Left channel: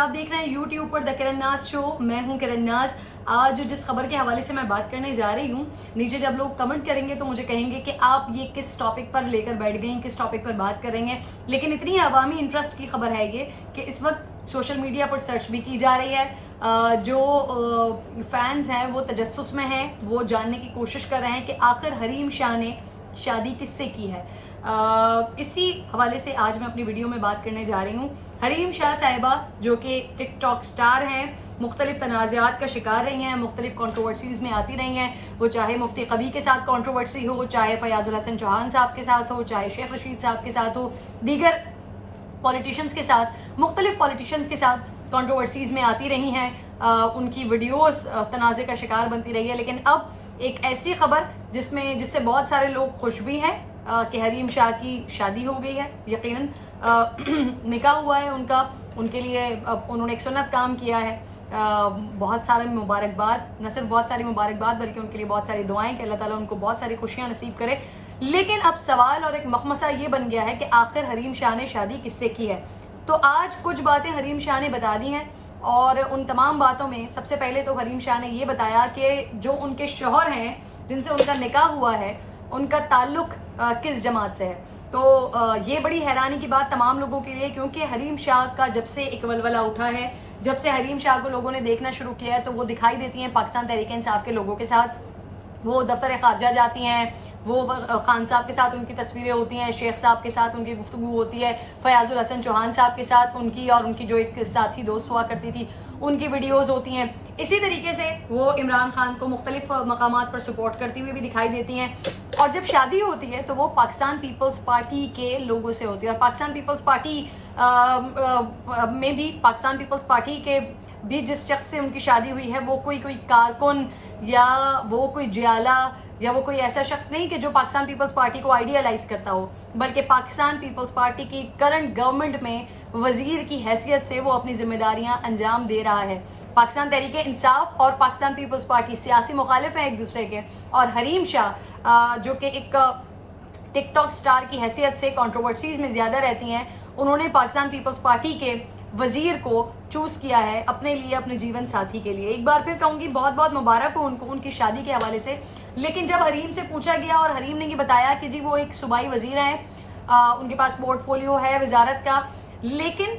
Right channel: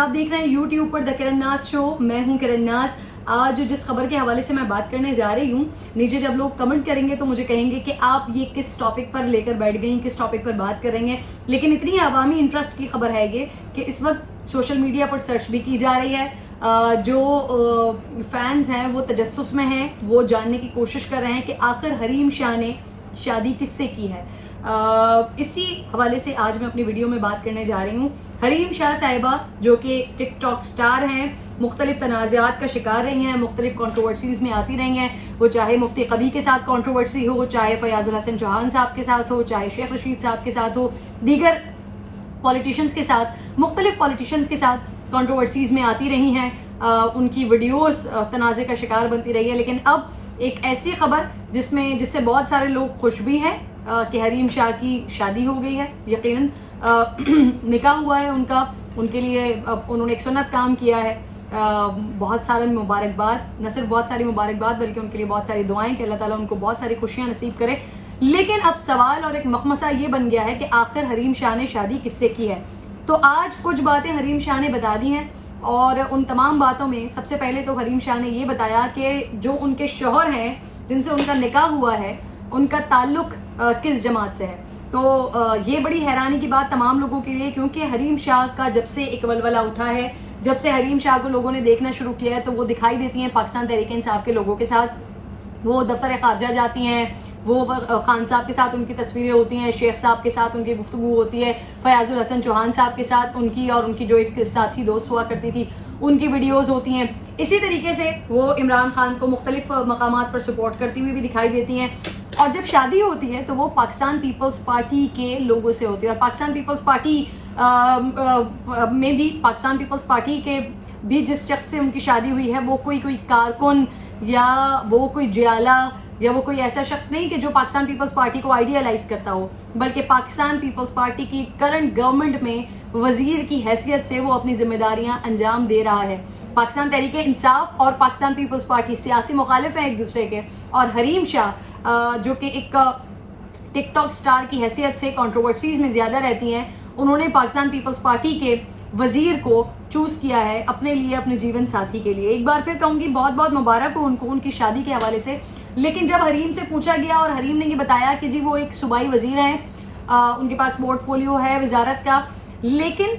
آپ دیکھ رہے ہیں یوٹیوب پر دا کرن ناز شو. میں ہوں کرن ناز. آج جس خبر کے حوالے سے میں بات کرنے جا رہی ہوں, نیچے جب لوگ کمنٹ کریں گے تو مجھے کہیں گے کہ آپ یہ کس ٹاپک پر لے کر بیٹھ گئی, کس ٹاپک پر بات کر رہی ہیں. لیکن اتنی عوامی انٹرسٹ کی خبر ہے یہ کہ اس وقت سوشل میڈیا پر سرچ بھی کی جا رہی ہے. جو فینز ہیں وہ تجسس میں ہیں, وہ جاننے کی کوشش کر رہے ہیں کہ آخر حریم شاہ نے شادی کس سے کی ہے. اسی حوالے سے آج میں اپنی ویڈیو میں بات کرنے جا رہی ہوں. حریم شاہ صاحبہ جو کہ ٹک ٹاک سٹار ہیں, مختلف تنازعات کا شکار رہی ہیں, مختلف کنٹروورسیز میں آتی رہی ہیں. وہ چاہے مفتی قوی کے ساتھ کنٹروورسی ہو, چاہے فیاض الحسن چوہان صاحب کے ساتھ ہو, چاہے شیخ رشید صاحب کے ساتھ ہو, دیگر پولیٹیشنز کے ساتھ, مختلف پولیٹیشنز کے ساتھ کنٹروورسیز میں آتی رہی ہیں. ان کی ویڈیوز تنازع کا شکار بنتی رہی ہے. لیکن اب ایک ایسی خبر جس سے بہت سارے لوگ خوش بھی ہیں کہ حریم شاہ کی شادی ہو گئی ہے. یقیناً نکاح ہوا ہے ان کا, ان کے لیے انہوں نے ایک سنت کام کیا ہے. بہت سارے مبارکباد, نہ صرف بہت ساری مبارکباد بلکہ ان کے لیے بہت ساری دعائیں کہ اللہ تعالیٰ ان کو بہت ساری خوشیاں نصیب کرے. لیکن اب سوال اور ایک مخمصہ یہ بن گیا ہے کہ آخر حریم شاہ نے شادی کس سے کی ہے. تو آج کچھ باتیں حریم شاہ نے بتا دی ہیں, اور ان تمام باتوں میں سب سے پہلے تو حریم شاہ نے یہ بتایا کہ جو ان کے شوہر ہیں جن سے ان کا نکاح ہوا ہے, ان کا تعلق کس جماعت سے ہے. تو یہ بڑی حیرانی کی بات تمام لوگوں کے لیے, کیونکہ حریم شاہ کا جب سے ایک ولولہ اٹھا ہے, جب سے حریم شاہ کو لوگوں نے دیکھنا شروع کیا ہے, تو وہ دکھائی دیتی ہیں پاکستان تحریک انصاف کے لوگوں کے ساتھ. وہ دفتر خارجہ جاتی ہیں, وہ خان صاحب کے ساتھ ان کی تصویریں ہوتی ہیں, شیخ صاحب کے ساتھ ان کی گفتگو ہوتی ہے, فیاض الحسن چوہان صاحب کے ساتھ ان کی اور ان کی جو ایک ساتھی دوست ہوا کرتی تھی ان کی ویڈیوز ہوتی ہیں. اسی طریقے سے وہ عمران خان کو مختلف مقامات پر سپورٹ کرتی ہوئی بھی دکھائی دیتی ہیں. اور جب شادی ہوتی ہے تو وہ پاکستان پیپلز پارٹی کے لوگوں سے ہوتی ہے, اور پاکستان پیپلز پارٹی میں بھی پاکستان پیپلز پارٹی کے بھی جس شخص سے ان کی شادی ہوئی ہے وہ کوئی کارکن یا وہ کوئی جیالہ یا وہ کوئی ایسا شخص نہیں کہ جو پاکستان پیپلز پارٹی کو آئیڈیالائز کرتا ہو, بلکہ پاکستان پیپلز پارٹی کی کرنٹ گورنمنٹ میں وزیر کی حیثیت سے وہ اپنی ذمہ داریاں انجام دے رہا ہے. پاکستان تحریک انصاف اور پاکستان پیپلز پارٹی سیاسی مخالف ہیں ایک دوسرے کے, اور حریم شاہ جو کہ ایک ٹک ٹاک سٹار کی حیثیت سے کنٹروورسیز میں زیادہ رہتی ہیں, انہوں نے پاکستان پیپلز پارٹی کے وزیر کو چوز کیا ہے اپنے لیے, اپنے جیون ساتھی کے لیے. ایک بار پھر کہوں گی بہت بہت مبارک ہو ان کو ان کی شادی کے حوالے سے. لیکن جب حریم سے پوچھا گیا اور حریم نے یہ بتایا کہ جی وہ ایک صوبائی وزیر ہیں, ان کے پاس پورٹ فولیو ہے وزارت کا, لیکن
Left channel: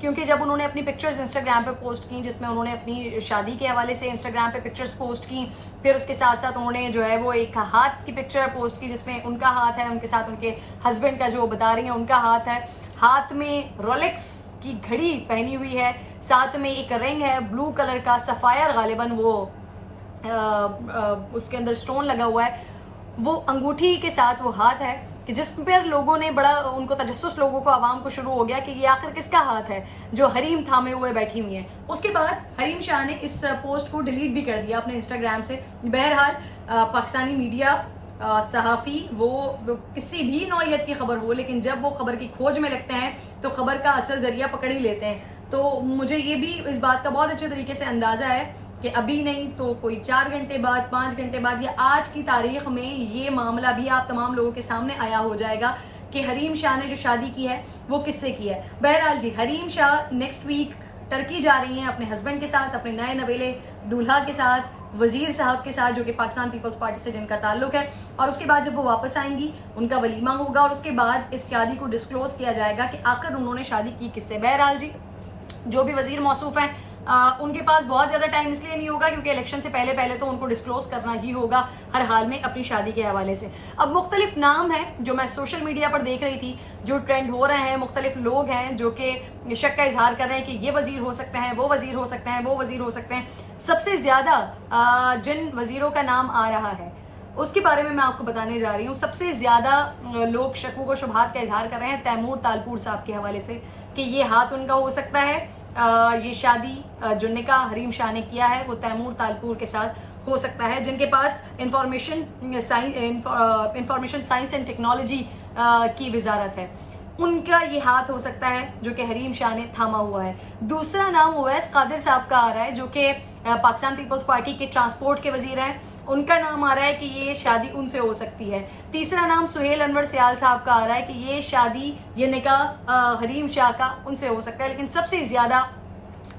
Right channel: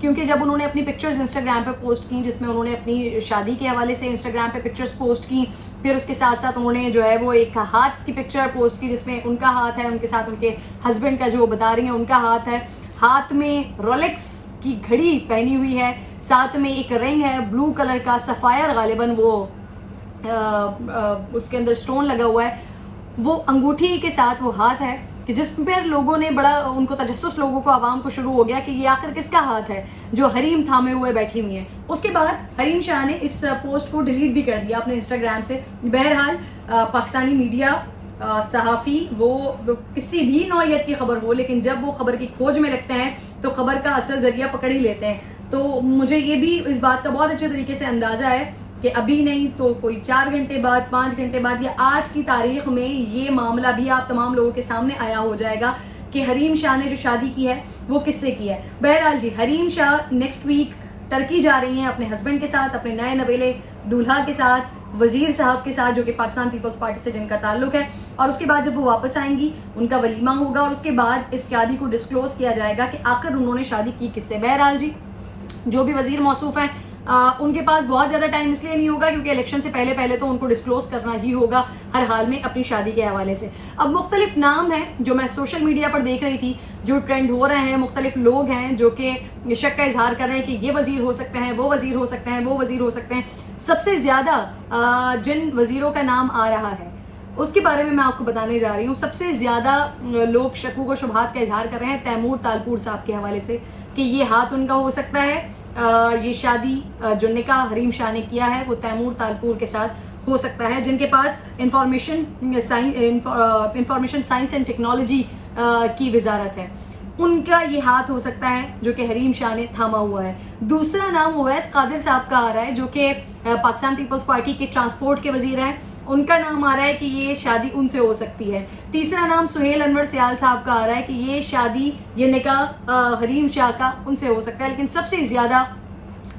کیونکہ جب انہوں نے اپنی پکچرز انسٹاگرام پہ پوسٹ کی جس میں انہوں نے اپنی شادی کے حوالے سے انسٹاگرام پہ پکچرز پوسٹ کی, پھر اس کے ساتھ ساتھ انہوں نے جو ہے وہ ایک ہاتھ کی پکچر پوسٹ کی جس میں ان کا ہاتھ ہے, ان کے ساتھ ان کے ہسبینڈ کا جو وہ بتا رہی ہیں ان کا ہاتھ ہے, ہاتھ میں رولیکس کی گھڑی پہنی ہوئی ہے, ساتھ میں ایک رنگ ہے بلو کلر کا سفائر, غالباً وہ اس کے اندر سٹون لگا ہوا ہے, وہ انگوٹھی کے ساتھ وہ ہاتھ ہے کہ جس پر لوگوں نے بڑا ان کو تجسس, لوگوں کو عوام کو شروع ہو گیا کہ یہ آخر کس کا ہاتھ ہے جو حریم تھامے ہوئے بیٹھی ہوئی ہیں. اس کے بعد حریم شاہ نے اس پوسٹ کو ڈیلیٹ بھی کر دیا اپنے انسٹاگرام سے. بہرحال پاکستانی میڈیا, صحافی, وہ کسی بھی نوعیت کی خبر ہو, لیکن جب وہ خبر کی کھوج میں لگتے ہیں تو خبر کا اصل ذریعہ پکڑ ہی لیتے ہیں. تو مجھے یہ بھی اس بات کا بہت اچھے طریقے سے اندازہ ہے کہ ابھی نہیں تو کوئی 4 گھنٹے بعد, 5 گھنٹے بعد یا آج کی تاریخ میں یہ معاملہ بھی آپ تمام لوگوں کے سامنے آیا ہو جائے گا کہ حریم شاہ نے جو شادی کی ہے وہ کس سے کی ہے. بہرحال جی, Hareem Shah next week Turkey جا رہی ہیں اپنے ہسبینڈ کے ساتھ, اپنے نئے نویلے دولہا کے ساتھ, وزیر صاحب کے ساتھ جو کہ پاکستان پیپلز پارٹی سے جن کا تعلق ہے. اور اس کے بعد جب وہ واپس آئیں گی ان کا ولیمہ ہوگا, اور اس کے بعد اس شادی کو ڈسکلوز کیا جائے گا کہ آخر انہوں نے شادی کی کس سے. بہرحال جی, جو بھی وزیر موصوف ہیں ان کے پاس بہت زیادہ ٹائم اس لیے نہیں ہوگا کیونکہ الیکشن سے پہلے تو ان کو ڈسکلوز کرنا ہی ہوگا ہر حال میں اپنی شادی کے حوالے سے. اب مختلف نام ہیں جو میں سوشل میڈیا پر دیکھ رہی تھی جو ٹرینڈ ہو رہے ہیں, مختلف لوگ ہیں جو کہ شک کا اظہار کر رہے ہیں کہ یہ وزیر ہو سکتے ہیں, وہ وزیر ہو سکتے ہیں, وہ وزیر ہو سکتے ہیں. سب سے زیادہ جن وزیروں کا نام آ رہا ہے اس کے بارے میں آپ کو بتانے جا رہی ہوں. سب سے زیادہ لوگ شکوک و شبہات کا اظہار کر رہے ہیں تیمور تالپور صاحب کے حوالے سے کہ یہ ہاتھ ان کا ہو سکتا ہے, یہ شادی جو نکاح حریم شاہ نے کیا ہے وہ تیمور تالپور کے ساتھ ہو سکتا ہے, جن کے پاس انفارمیشن سائنس اینڈ ٹیکنالوجی کی وزارت ہے. ان کا یہ ہاتھ ہو سکتا ہے جو کہ حریم شاہ نے تھاما ہوا ہے. دوسرا نام اویس قادر صاحب کا آ رہا ہے جو کہ پاکستان پیپلز پارٹی کے ٹرانسپورٹ کے وزیر ہیں, ان کا نام آ رہا ہے کہ یہ شادی ان سے ہو سکتی ہے. تیسرا نام سہیل انور سیال صاحب کا آ رہا ہے کہ یہ شادی, یہ نکاح حریم شاہ کا ان سے ہو سکتا ہے. لیکن سب سے زیادہ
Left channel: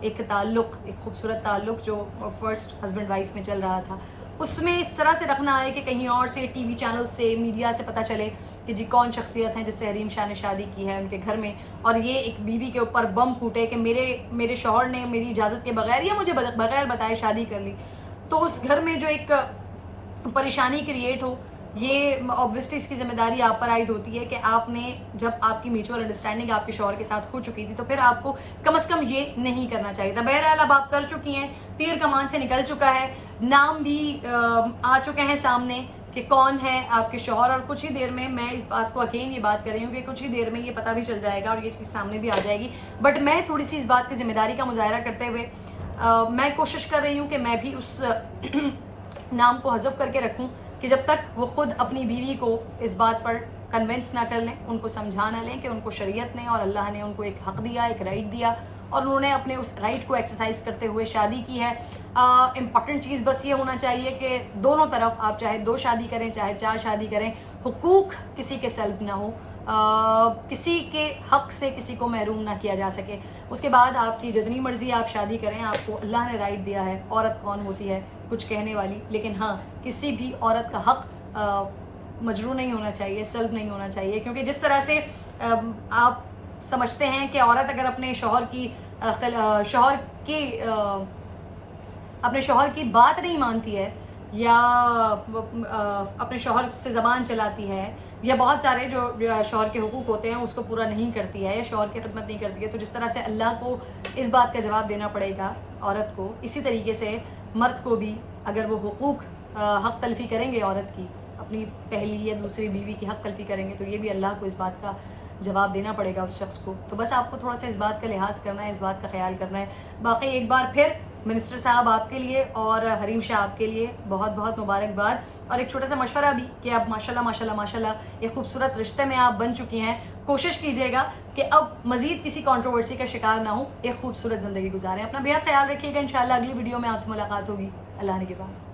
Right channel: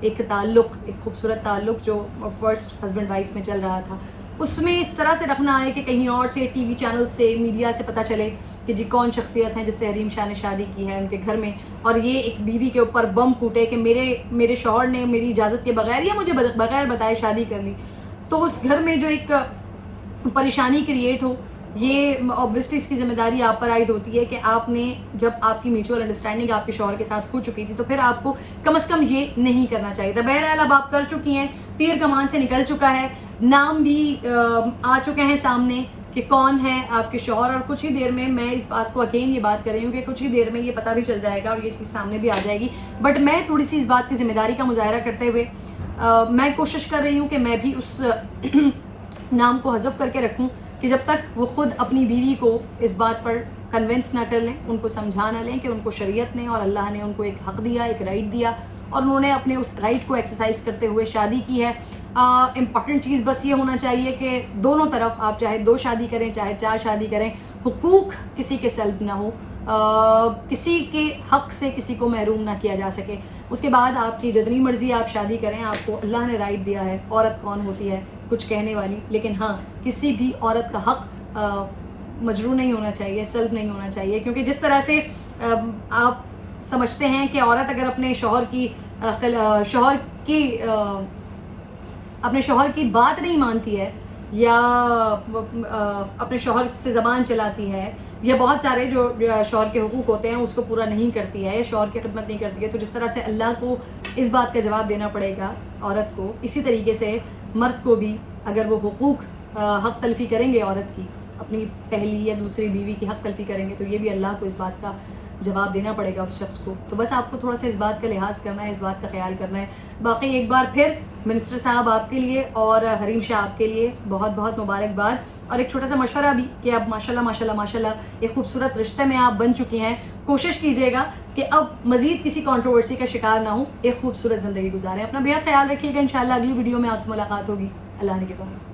ایک تعلق, ایک خوبصورت تعلق جو فرسٹ ہسبینڈ وائف میں چل رہا تھا, اس میں اس طرح سے رکھنا ہے کہ کہیں اور سے ٹی وی چینل سے, میڈیا سے پتہ چلے کہ جی کون شخصیت ہیں جس سے حریم شاہ نے شادی کی ہے ان کے گھر میں, اور یہ ایک بیوی کے اوپر بم پھوٹے کہ میرے شوہر نے میری اجازت کے بغیر یا مجھے بغیر بتائے شادی کر لی, تو اس گھر میں جو ایک پریشانی کریٹ ہو, یہ obviously اس کی ذمہ داری آپ پر عائد ہوتی ہے کہ آپ نے جب آپ کی میوچول انڈرسٹینڈنگ آپ کے شوہر کے ساتھ ہو چکی تھی تو پھر آپ کو کم از کم یہ نہیں کرنا چاہیے تھا. بہرحال اب آپ کر چکی ہیں, تیر کمان سے نکل چکا ہے, نام بھی آ چکے ہیں سامنے کہ کون ہے آپ کے شوہر, اور کچھ ہی دیر میں میں اس بات کو اگین یہ بات کر رہی ہوں کہ کچھ ہی دیر میں یہ پتہ بھی چل جائے گا اور یہ چیز سامنے بھی آ جائے گی. بٹ میں تھوڑی سی اس بات کی ذمہ داری کا مظاہرہ کرتے ہوئے میں کوشش کر رہی ہوں کہ میں بھی اس نام کو حذف کر کے رکھوں کہ جب تک وہ خود اپنی بیوی کو اس بات پر کنونس نہ کر لیں, ان کو سمجھا نہ لیں کہ ان کو شریعت نے اور اللہ نے ان کو ایک حق دیا, ایک رائٹ دیا, اور انہوں نے اپنے اس رائٹ کو ایکسرسائز کرتے ہوئے شادی کی ہے. امپورٹنٹ چیز بس یہ ہونا چاہیے کہ دونوں طرف آپ چاہے 2 شادی کریں چاہے 4 شادی کریں, حقوق کسی کے سلب نہ ہو, کسی کے حق سے کسی کو محروم نہ کیا جا سکے. اس کے بعد آپ کی جتنی مرضی آپ شادی کریں, آپ کو اللہ نے رائٹ دیا ہے. عورت کون ہوتی ہے کچھ کہنے والی, لیکن ہاں کسی بھی عورت کا حق مجروح نہیں ہونا چاہیے, سلب نہیں ہونا چاہیے, کیونکہ جس طرح سے آپ سمجھتے ہیں کہ عورت اگر اپنے شوہر کی بات نہیں مانتی ہے یا اپنے شوہر سے زبان چلاتی ہے یا بہت سارے جو شوہر کے حقوق ہوتے ہیں اس کو پورا نہیں کرتی ہے یا شوہر کی خدمت نہیں کرتی ہے, تو جس طرح سے اللہ کو اس بات کا جواب دینا پڑے گا عورت کو, اسی طریقے سے مرد کو بھی اگر وہ حقوق حق تلفی کریں گے عورت کی, اپنی پہلی یا دوسری بیوی کی حق تلفی کریں گے, تو یہ بھی اللہ کو اس بات کا جواب دینا پڑے گا اس شخص کو. تو بس آپ کو تھوڑا سا اس بات کا لحاظ کرنا ہے, اس بات کا خیال کرنا ہے. باقی ایک بار پھر منسٹر صاحب آپ کے لیے اور حریم شاہ آپ کے لیے بہت بہت مبارکباد, اور ایک چھوٹا سا مشورہ بھی کہ اب ماشاءاللہ ایک خوبصورت رشتے میں آپ بن چکی ہیں. کوشش کیجیے گا کہ اب مزید کسی کنٹروورسی کا شکار نہ ہوں, ایک خوبصورت زندگی گزاریں. اپنا بہت خیال رکھیے گا. انشاءاللہ اگلی ویڈیو میں آپ سے ملاقات ہوگی. اللہ نے کے بعد.